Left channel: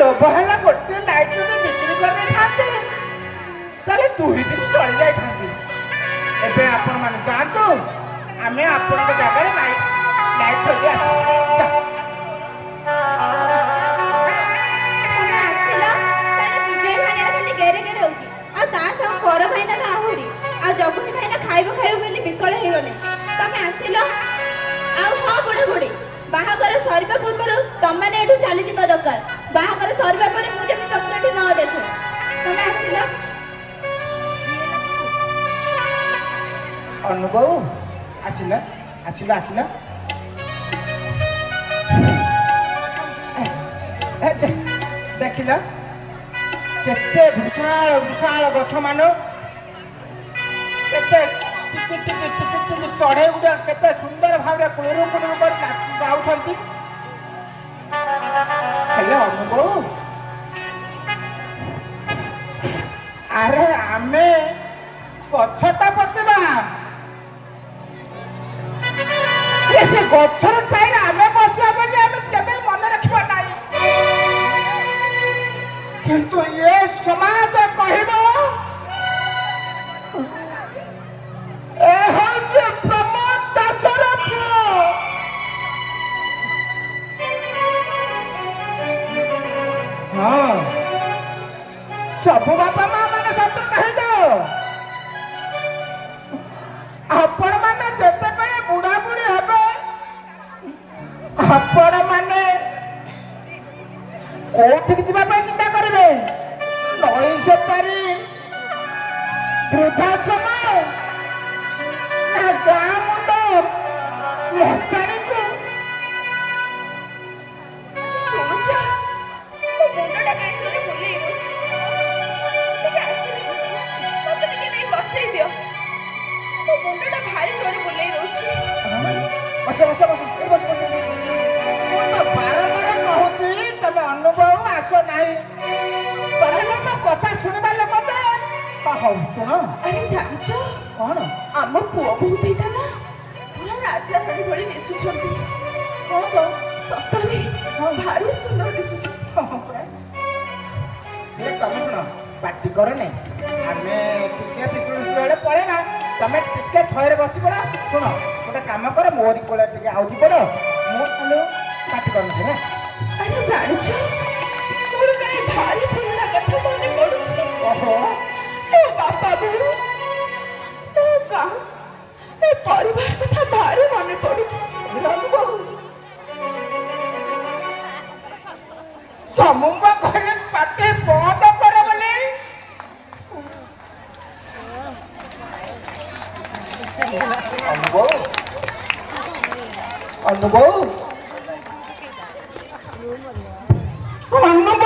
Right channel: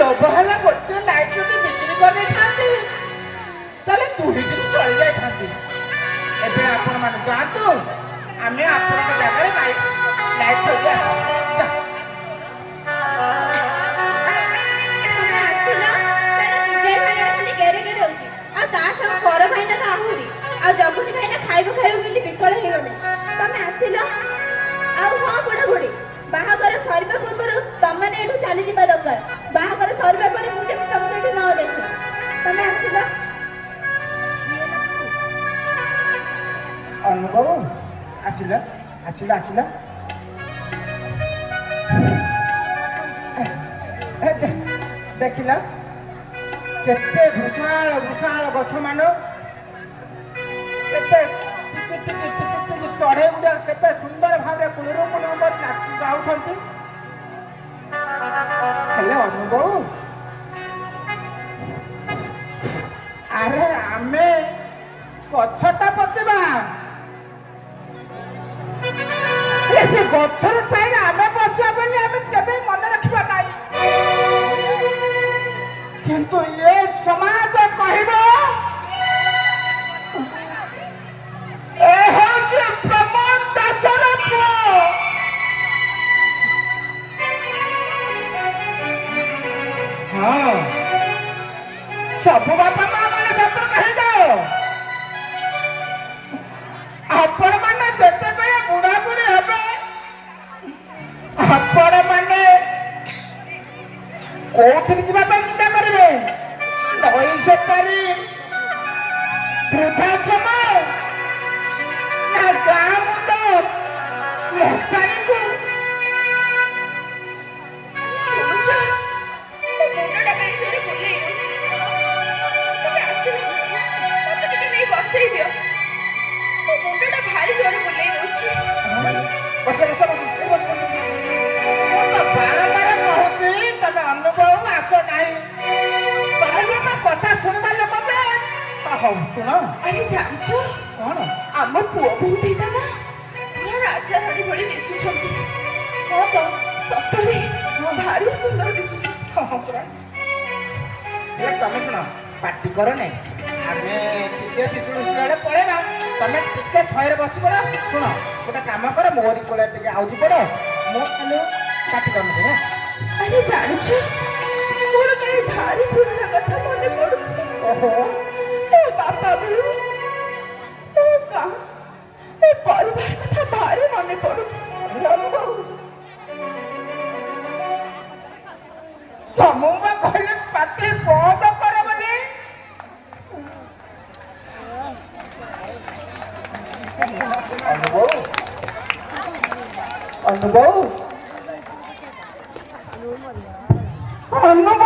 লোଭ ହେଲା ଗୋଟେ ଲାଇଟ୍ ଯଦି ବିକ୍ରି କରିଦେଇଥାନ୍ତି ତାହେଲେ 2 ଦିନ ଚଳି ଯାଇଥାନ୍ତି। ଏବେ ଆପଣମାନେ ଯାଆନ୍ତୁ, ଆମେ ଆପଣଙ୍କ ଜାଗାରେ ଲାଇଟ୍ ଥୋଇ ଆସିବୁ। ତମେ ଆସିଲ ତାର ବିଜୟ ଭାଇନା ଖାଲି ଗେରେ ଗେରେ ହଉଛି, ଆଉ ତା ସହ କର ଭାଇନା ତ ଆହୁରି, ଆଉ ଜଗୁନି ଭାଇନା ଖାଇବୁ ଖାଇବୁ ବୋଲି ବିକଳ ହେଇଗଲେ। ତମେ ଆସିଲ ଆଉ ହଁ ବୁଢ଼ା ବୁଢ଼ୀ, ବାହାଘର ସରିବା ପୂର୍ବରୁ ତମମାନେ ଏଠୁ ଚାଲିଯିବା ଦରକାର। ବାହାଘର ସରିବା ପରେ ମୁଁ ଯେମିତି ତମକୁ ଏଠି ନ ଦେଖେ। ତମେ ଆସିଲ। ଅନୁଭବ ଆସିଲା ଆସିଲା ଆସିଲା। ଦେଖିଲ କେତେ ବିଶାଳ ବିଶାଳ ଗଛ ମାନ, କେତେ ଟିକେ ଟିକେ ଟିକେ ଟିକେ ଚଢେଇ ଗୁଡା କେତେ ସୁନ୍ଦର ଭାବରେ କୁଳୁରୁ କୁଳୁରୁ କରି ଗାଉଛନ୍ତି। ହେଲେ ଅନୁଭବ, ଆରେ ଆମେ ଗଛଟା ପୋତିବା, ସେ ଗଛର ଛାଇରେ ଆମେ ବସିବା ବୋଲି ଆମେ କେବେ ମନେ ରଖିବା ନାହିଁ। କିନ୍ତୁ ଏ ସମାଜ କହିବ ଏ ହେଉଛି ପ୍ରମୋଦ ଦାସର ପୁଅ। ହଁ, ସବୁ ବାପା ମା ମାନେ ସତର୍କ ହେଇଯାଅ। ଆପଣ ମାନେ ଯେତେବେଳେ ବୁଢା ବୁଢୀ ହେବେ, ଆପଣ ମାନେ କୋଉଠିକି ଯିବା ପାଇଁ ଚିନ୍ତା କରିବେ? ନଈ ସେପାରି, ବୃଦ୍ଧାଶ୍ରମ, ନା ଗାଁ ମୁଣ୍ଡ ମଶାଣିକୁ? ଶୁଣୁଛ, ମୋ ମୁଣ୍ଡଟା କାହିଁ ଜୋରେ ବୁଲେଇ ରହୁଛି। ତମେ ଆସିଲ, ମତେ ଟିକେ ନେଇ ବସେଇ ଦିଅ। ମୋ ମୁଣ୍ଡଟା ଭାରି ଜୋରେ ବୁଲେଇ ରହୁଛି। ବସ ବସ ବସ ବସ ବସ। ମୁଁ ତ ବାରମ୍ବାର କହୁଛି ତମେ ଅନୁଭବ ଆସ ନାହିଁ। ତମେ ମୋ କଥା ଶୁଣିବା ଲୋକ ଯେ। ହଉ ଶୁଣ। ଆରେ ଜାଣିଛ କଣ? ଆମ ପୁଅ ବୋହୂ ଦିଟା ନା ପୁରା ରାଜା ରାଣୀ ଭଳି ଦିଶୁଛନ୍ତି। ହଁ ତ, ସତରେ ଭାରି ସୁନ୍ଦର ଦିଶୁଛନ୍ତି। ହଁ ପୁରା। ହେଲେ ତମେ ଶୁଣ, ପାଟି କର ନାଇଁ, ଆମେ ଟିକେ ଶୀତଳ ବେଳେ ପଳେଇବା। ତମେ ଟିକେ ଥୟରେ ବସି ପଡ। ଶୁଣ, ଗୋଟେ କାମ କର, ମୋରି କୋଳରେ ଟିକେ ଆଉଜି ପଡ। ମୁଁ ପାଟି କରୁନଥିଲି ନା। ଆରେ ଜାଣିଛ, ମୋର କାହିଁ ଭାରି ପୁରୁଣା କଥା ମନେ ପଡୁଛି। ଓହୋ, ମୋ ବାପା ବୋଉ, ମୋ ଗାଁ, ମୋ ପରିବାର କଥା ଭାରି ମନେ ପଡୁଛି। ତମକୁ କହିଲେ ପାଟି ବନ୍ଦ କର ବୋଲି। ଅନୁଭବ, ଅନୁଭବ, ଅନୁଭବ,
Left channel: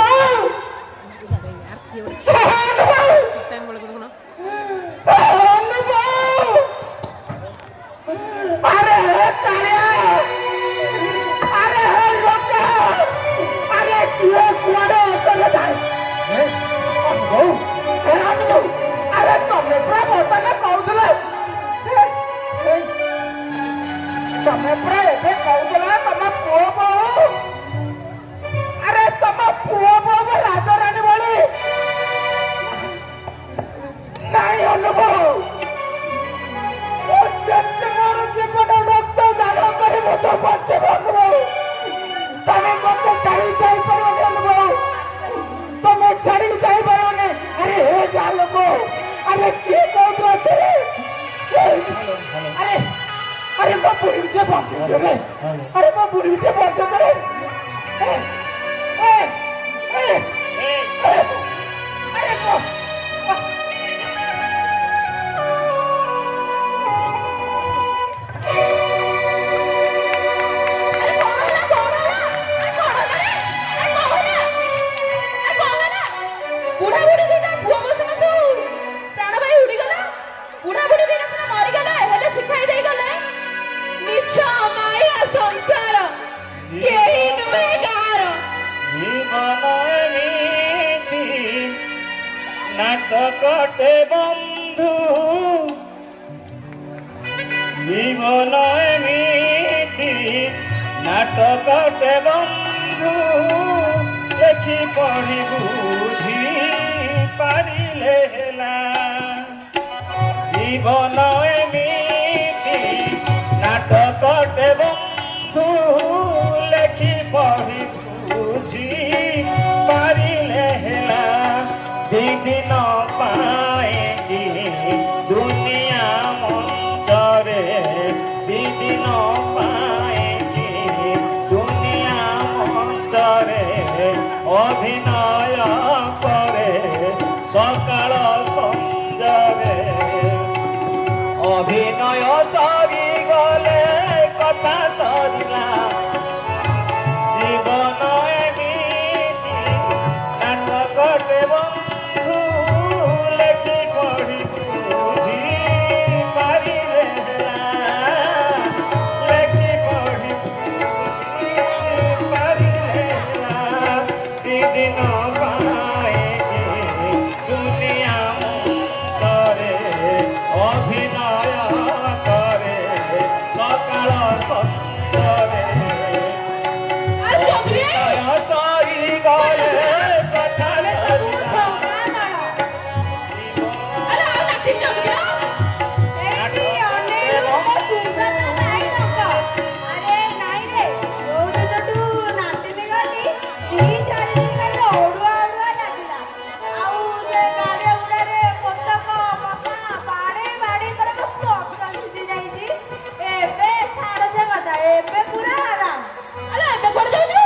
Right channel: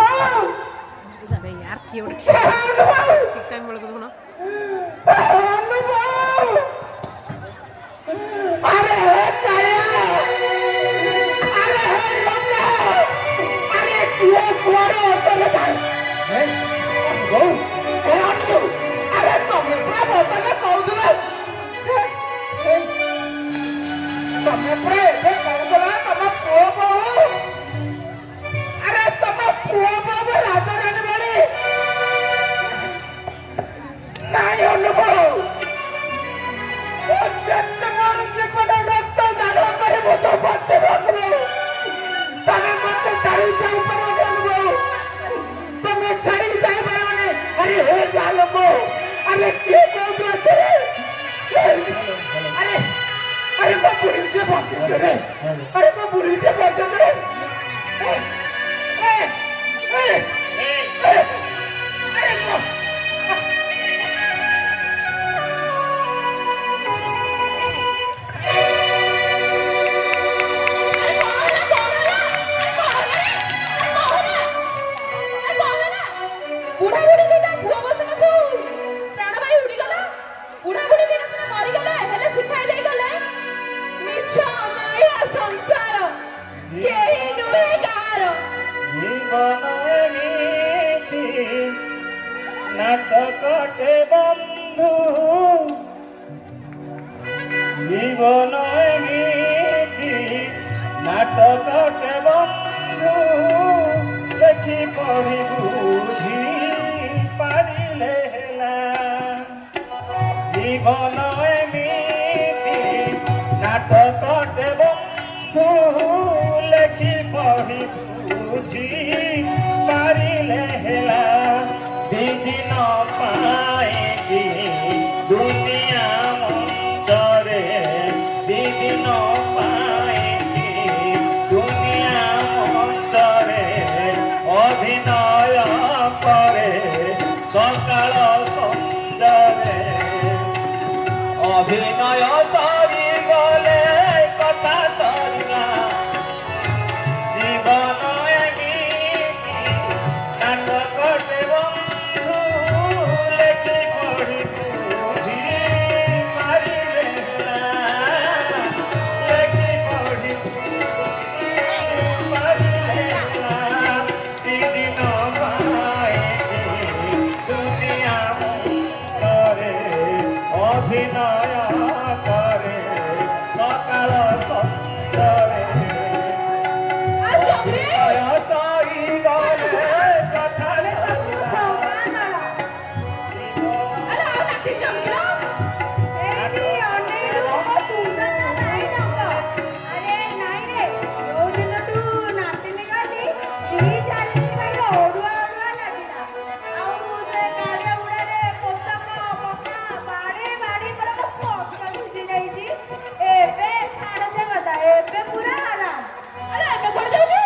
यार क्यों ठीक टाइम बोले को देखो अरे काया, अरे लोका, अरे किए कुआरे चले जाए। अनुभव, अरे तुम पूरा बोतल कहूला, तुम पूरा एबे कहूला तुम पुओ बोलो। अरे तुम पुओ बोलो राजा रानी वाली नहीं। अनुभव, ଯେତେ ମୋର ଜୀବନ ରକ୍ତ ଦାନ କରିବ ତ ବଞ୍ଚିବ ଅନୁଭବ। ତମେ ମତେ ଛାଡ଼ି ଯାଇପାରିବନି ଅନୁଭବ, ତମେ ଛାଡ଼ି ଯାଇପାରିବନି। ଆରେ ହେ ଯା ଲୋକ, ଆରେ କିଏ କୋଉଠି ଅଛି ରେ? ଆରେ ଆରେ ମୋ ବୁଢ଼ୀ ଟିକେ ବଞ୍ଚେଇ ରେ, ଆରେ ମୋ ବୁଢ଼ୀ ଟିକେ ବଞ୍ଚେଇ ରେ। ଆରେ ମୋ ବୁଢା ବୁଢୀ ଦିଟା ପୁଅ ବସିନ ସବୁ ପ୍ରାଣବାୟୁ ଉଡିଗଲା। ବୁଢା ବୁଢୀ ଦିଟା ସିନା ମରିଗଲେ, ହେଲେ ଶିଖାଇ ଦେଇଗଲେ ମିଛ ମାୟା ସଂସାର କେହି ନୁହେଁ କାହାର। ଜୀବନ ଏମିତି ନାଟକଟେ ବନ୍ଧୁ, ଜୀବନ ଏମିତି ନାଟକଟେ ବନ୍ଧୁ, ଦେଖି ଲେଖି ପଢ଼ି ବୁଝି ପାରିଲେ ହେଲା ଜୀବନ ଏମିତି ନାଟକଟେ ବନ୍ଧୁ ଲେଖି ପଢ଼ି ବୁଝି ପାରିଲେ ହେଲା ଦିଦିନ ପାଇଁକି ଦୁନିଆ ମଞ୍ଚରେ ଦିଦିନ ପାଇଁକି ଦୁନିଆ ମଞ୍ଚରେ ଅଭିନୟ କରେ ସକାଳ ସଞ୍ଜରେ ଅଭିନୟ ସରିଗଲେ କଥା ସରିଲା ଜୀବନ ଏମିତି ନାଟକଟେ ବନ୍ଧୁ ଲେଖି ପଢ଼ି ବୁଝି ପାରିଲେ ହେଲା ଲେଖି ପଢ଼ି ବୁଝି ପାରିଲେ ହେଲା ଦିଦିନ ପାଇଁକି ଦୁନିଆ ମଞ୍ଚରେ ଅଭିନୟ କରେ ସକାଳ ସଞ୍ଜରେ ଆଉ ଚନ୍ଦ୍ରୀ ସରିଗଲେ କଥା ସରିଲା ଆରେ ଆଉ ଲାଠି ଚନ୍ଦ୍ରୀ ଏଇଠି ଅନେକ ମୋ ତୁଣ୍ଡ ତ ନାହିଁ ନମ୍ର ଆରେ ନାଇଁ ରେ ଯୋଉ ଦିନଠୁ ନାଟିନି ଗଲି 2-4 ଦିନ ଖାଲି ଅଡୁଆ ଅଡୁଆ ଲାଗିଲା ଆଉ ସେ ଗାଡ଼ିଆ ଗୁଡ଼ାରେ ପୋଷକ ବାପା ବାଡ଼େଇ ବାଡ଼େଇ ପରେ ମୋ ପକା ସିଝି ଯାଇଛି ଏବେ ଛାଡ଼ ସେ କଥା ଏବେ ପୁରା ଆରାମ ଆରେ ଏବେ କୁଆଡ଼େ ଯାଉଛୁ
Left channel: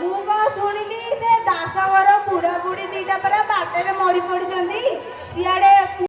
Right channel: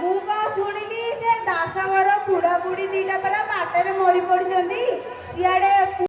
ମୁଁ କଣ ଶୁଣିଲି ସେ ଦାସ ଘର ବୁଢ଼ା ବୁଢ଼ୀ ଦିଟା ପରା ବାଟରେ ମରି ପଡ଼ିଛନ୍ତି ସିଆଡ଼େ